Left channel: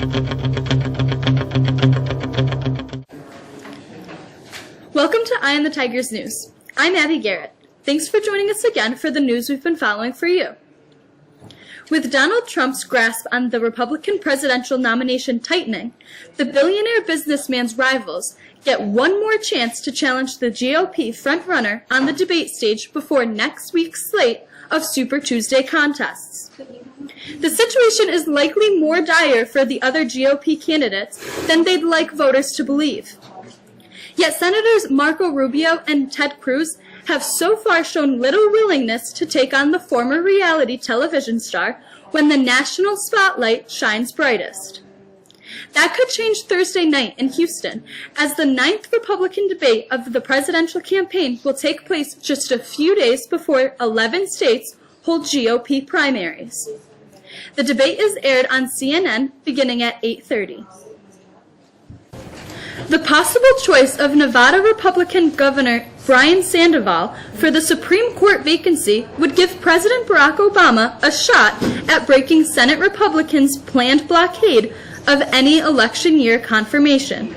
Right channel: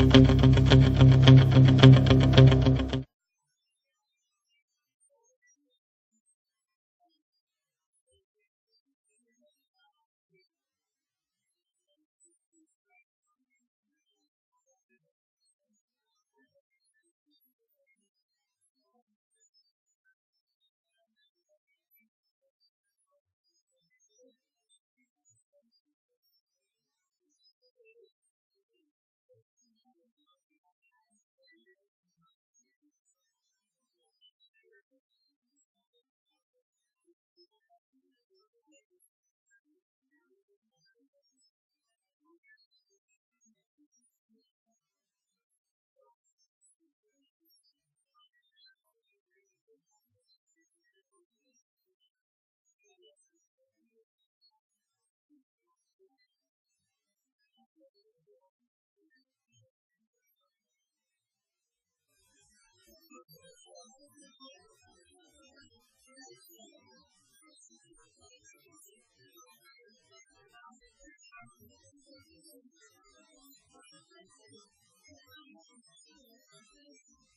Welcome to Eye on the Tigers News. I'm Abby Garrett. Thanks for joining us again for the news we've been following for you. With Donald Trump's grasp on the Republican presidential nomination tightening, the billionaire businessman's rivals get one more chance to challenge the GOP frontrunner on the debate stage before next week's slate of Super Tuesday contests. The situation is likely more dire for the other GOP candidates than they'd like voters to believe. Yet Senators Marco Rubio and Ted Cruz have so far shown little willingness to take on the former reality television star when the national spotlight shines brightest. That could change Thursday night in Houston, as the 9th Republican debate of the presidential campaign will take place just a few days before 11 states hold GOP primaries. The debate is aired on CNN beginning at 8:30. The possible choice of Nevada Republican Governor Brian Sandoval for the Supreme Court vacancy would give President Barack Obama a shot at breaking Senate Republicans' planned blockade of any election year confirmation.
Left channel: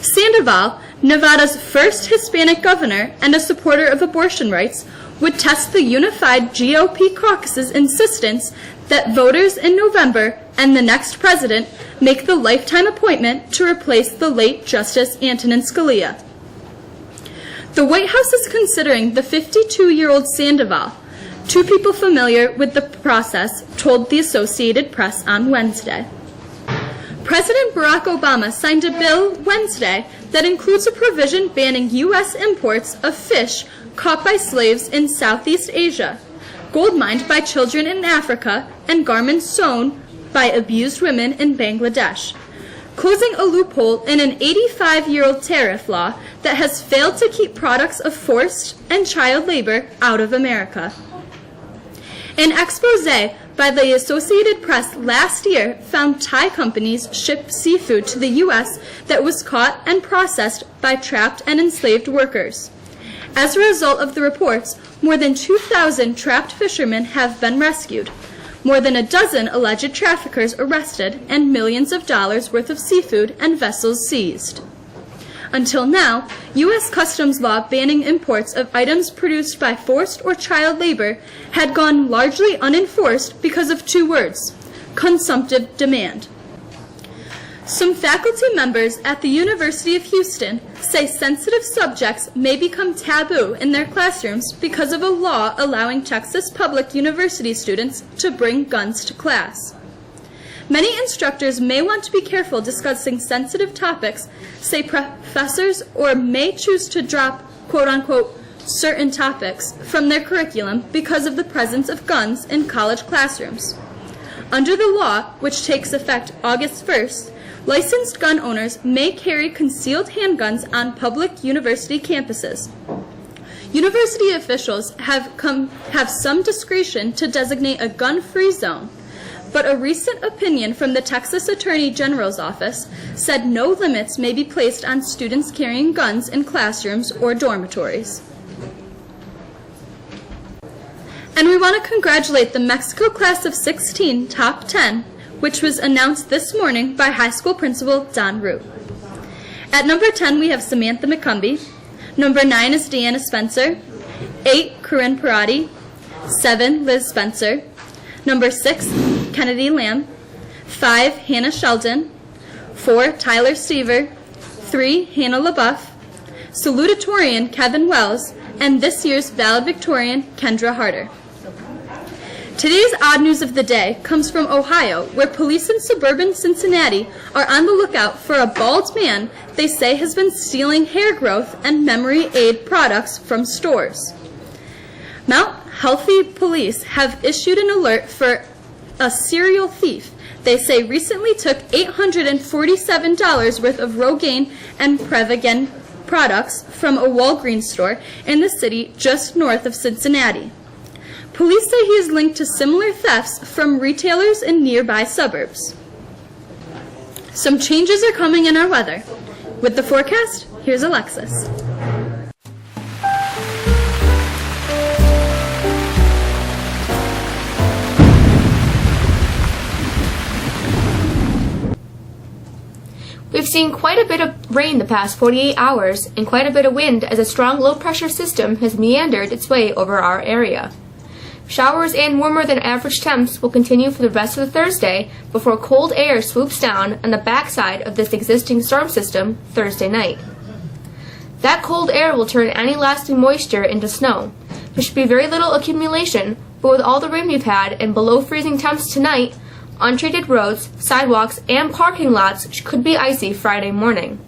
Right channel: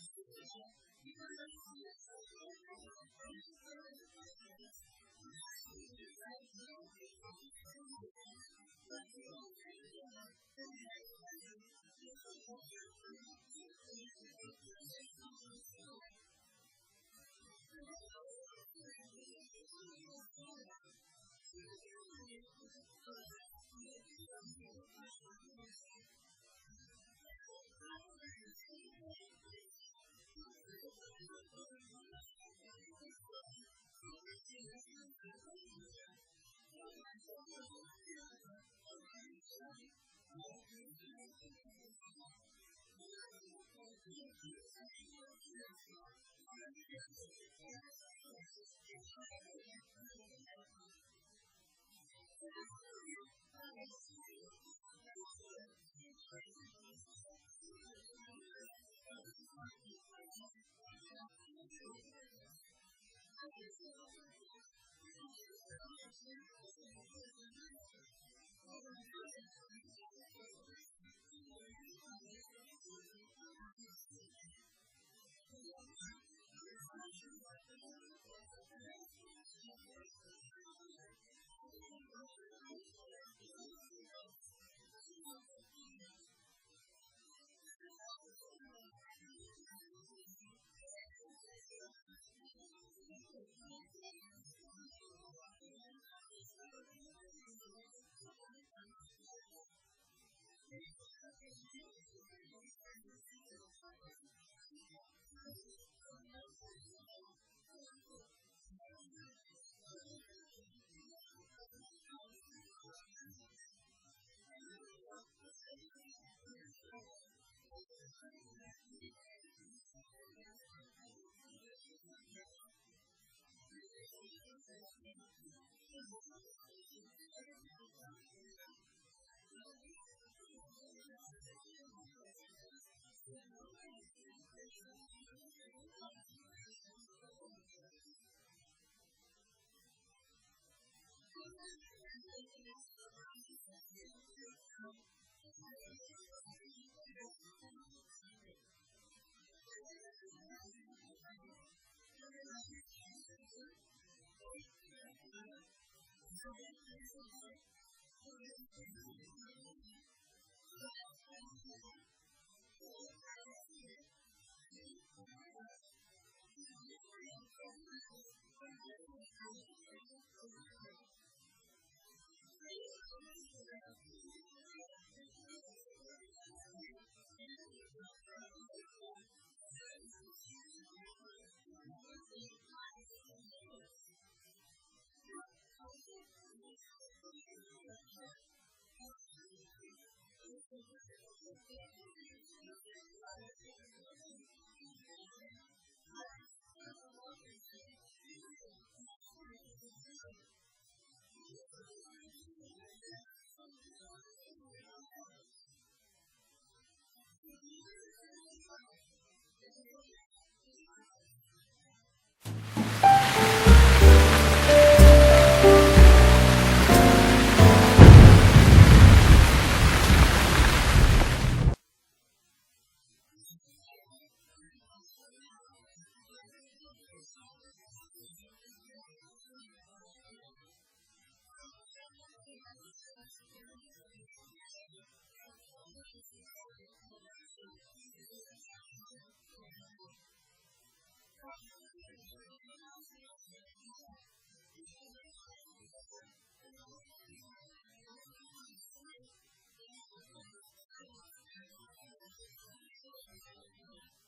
Sandoval, Nevada's first Hispanic governor and a supporter of abortion rights, would test the unified GOP caucus's insistence that voters in November and the next president make the lifetime appointment to replace the late Justice Antonin Scalia. The White House is considering the 52-year-old Sandoval. Two people familiar with the process told the Associated Press on Wednesday. President Barack Obama signed a bill Wednesday that includes a provision banning U.S. imports of fish caught by slaves in Southeast Asia, gold mined by children in Africa, and garments sewn by abused women in Bangladesh, closing a loophole in an 85-year-old tariff law that has failed to keep products of forced and child labor out of America. An expose by the Associated Press last year found Thai companies ship seafood to the U.S. that was caught and processed by trapped and enslaved workers. As a result of the reports, more than 2,000 trapped fishermen have been rescued, more than a dozen alleged traffickers arrested, and millions of dollars worth of seafood and vessels seized. Until now, U.S. Customs law banning imports of items produced by forced or child labor had gone largely unenforced because of two words: consumptive demand. Some faculty members at the University of Houston say sensitive subjects may become taboo in their classrooms because of a law allowing Texas Public University students to bring guns to class. Many instructors may want to be careful discussing sensitive topics, say professors, or may choose to drop, quote-unquote, certain topics from their curriculum because of the presence of guns in college classrooms. Under the law, which takes effect August 1st, licensed gun owners may carry concealed handguns on public university campuses. University officials have some discretion to designate a gun-free zone, but a recent opinion from the Texas Attorney General's office said no limits may be placed on students carrying guns in classrooms or dormitories. And we want to congratulate the Mexico Class of 16 Top 10, which was announced this morning by high school principal Don Root. At number 10, we have Samantha McCumbee. Number 9 is Deanna Spencer. 8, Corinne Parati. 7, Liz Spencer. Number 6, Kennedy Lamb. 5, Hannah Sheldon. 4, Tyler Stever. 3, Hannah LaBeouf. Salutatorian Kevin Wells, and this year's valedictorian Kendra Harder. Today's odd news of the day comes from Ohio, where police in suburban Cincinnati are on the lookout for a bald man they say has been stealing hair growth and memory aid products from stores. Mount Healthy police have issued an alert for a serial thief they say recently took $847 worth of Rogaine and Prevagen products from a Walgreens store in the city just north of Cincinnati. Police say he is linked to similar thefts from retailers in nearby suburbs. Some changes are coming in our weather. With the forecast, here's Alexis. We've seen quite a bit of rain the past 48 hours and quite a bit of wind as a strong low-pressure system has meandered its way over our area. Showers and warmer than average temps will continue for the rest of the Thursday before cold air swoops down on the backside of this existing storm system Thursday night. That cold air will turn any lasting moisture into snow. There should be very little accumulation, but with all the rain we've had and below freezing temps tonight, untreated roads, sidewalks, and parking lots could be icy Friday morning.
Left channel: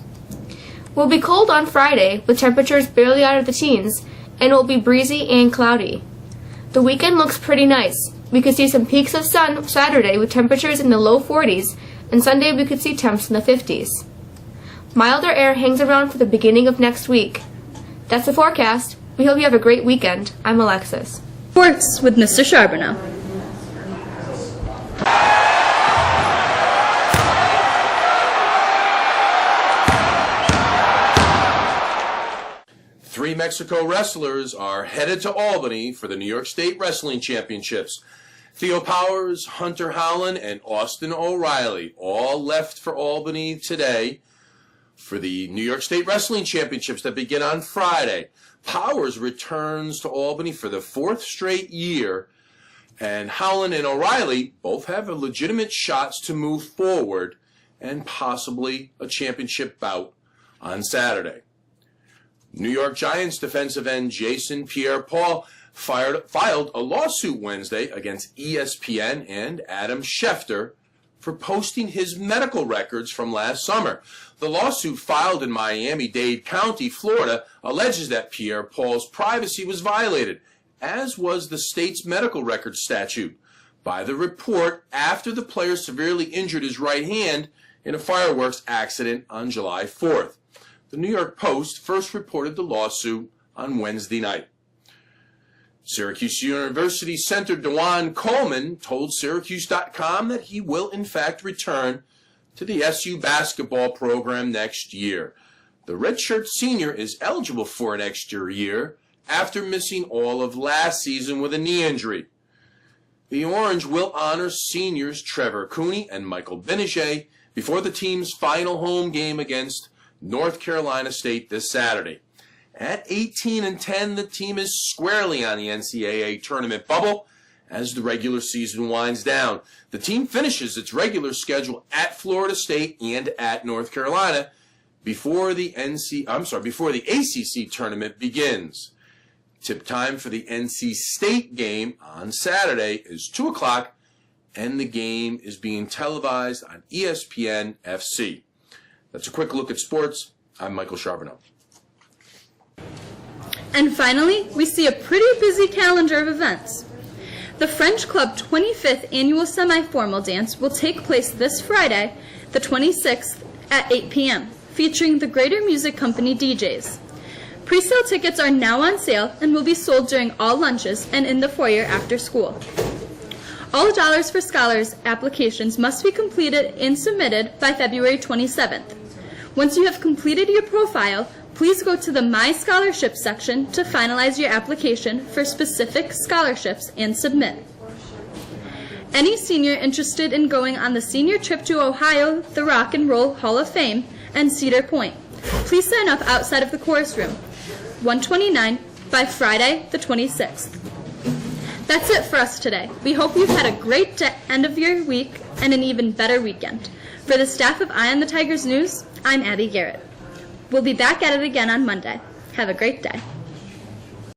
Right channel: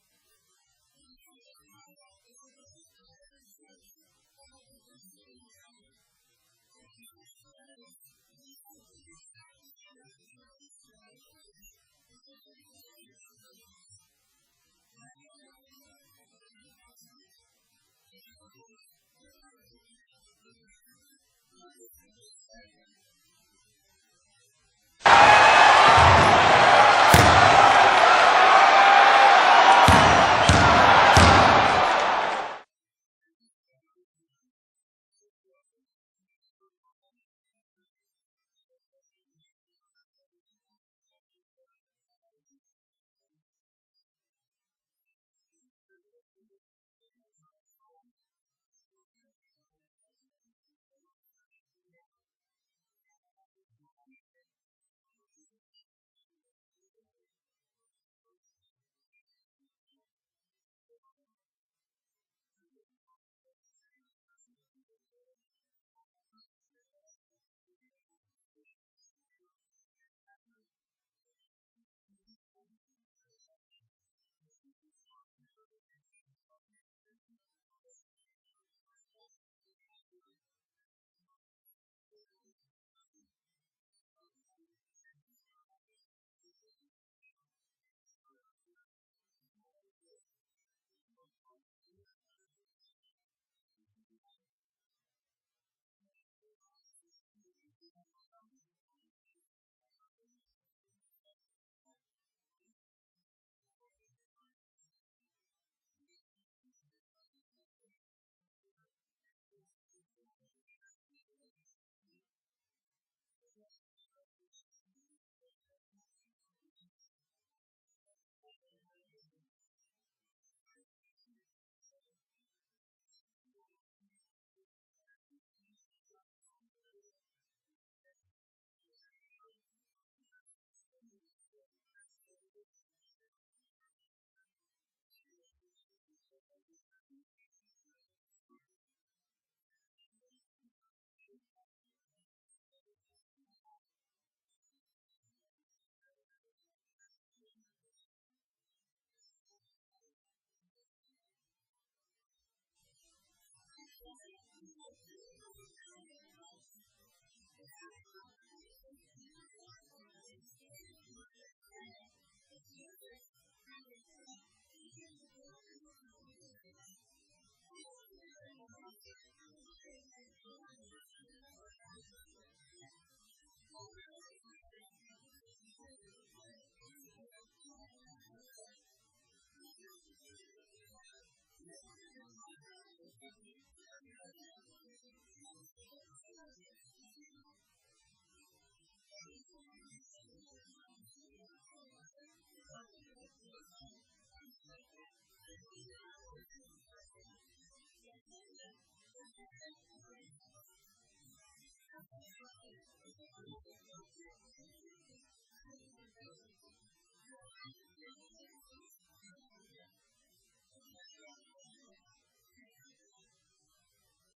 We'll be cold on Friday with temperatures barely out of the teens, and it will be breezy and cloudy. The weekend looks pretty nice. We could see some peaks of sun Saturday with temperatures in the low 40s, and Sunday we could see temps in the 50s. Milder air hangs around for the beginning of next week. That's the forecast. We hope you have a great weekend. I'm Alexis. Sports with Mr. Charbonneau. Three Mexico wrestlers are headed to Albany for the New York State Wrestling Championships. Theo Powers, Hunter Howland, and Austin O'Reilly all left for Albany today for the New York State Wrestling Championships that begin on Friday. Powers returns to Albany for the fourth straight year, and Howland and O'Reilly both have legitimate shots to move forward and possibly a championship bout on Saturday. New York Giants defensive end Jason Pierre-Paul filed a lawsuit Wednesday against ESPN and Adam Schefter for posting his medical records from last summer. The lawsuit filed in Miami-Dade County, Florida, alleges that Pierre-Paul's privacy was violated, as was the state's medical records statute, by the report after the player severely injured his right hand in a fireworks accident on July 4th. The New York Post first reported the lawsuit on Wednesday night. Syracuse University center DeJuan Coleman told Syracuse.com that he will in fact return to the SU basketball program next year. The redshirt senior is eligible for an extra year after missing all of last season with a knee injury. The Orange will honor seniors Trevor Cooney and Michael Benige before the team's final home game against North Carolina State this Saturday. At 18-10, the team is squarely on the NCAA tournament bubble as the regular season winds down. The team finishes its regular schedule at Florida State and at North Carolina before the ACC tournament begins. Tip time for the NC State game on Saturday is 2 o'clock, and the game is being televised on ESPN FC. That's a quick look at sports. I'm Michael Charbonneau. And finally, we see a pretty busy calendar of events. The French Club 25th Annual Semi-Formal Dance will take place this Friday, the 26th, at 8 p.m., featuring the Greater Music Company DJs. Pre-sale tickets are now on sale and will be sold during all lunches and in the foyer after school. All Dollars for Scholars applications must be completed and submitted by February 27th. Once you have completed your profile, please go to the My Scholarships section to finalize your application for specific scholarships and submit. Any senior interested in going on the senior trip to Ohio, the Rock and Roll Hall of Fame, and Cedar Point, please sign up outside of the chorus room, 129, by Friday the 26th. That's it for us today. We hope you've had a great end of your week and an even better weekend. For the staff of Eye on the Tigers News, I'm Abby Garrett. We'll be back at it again on Monday. Have a great day.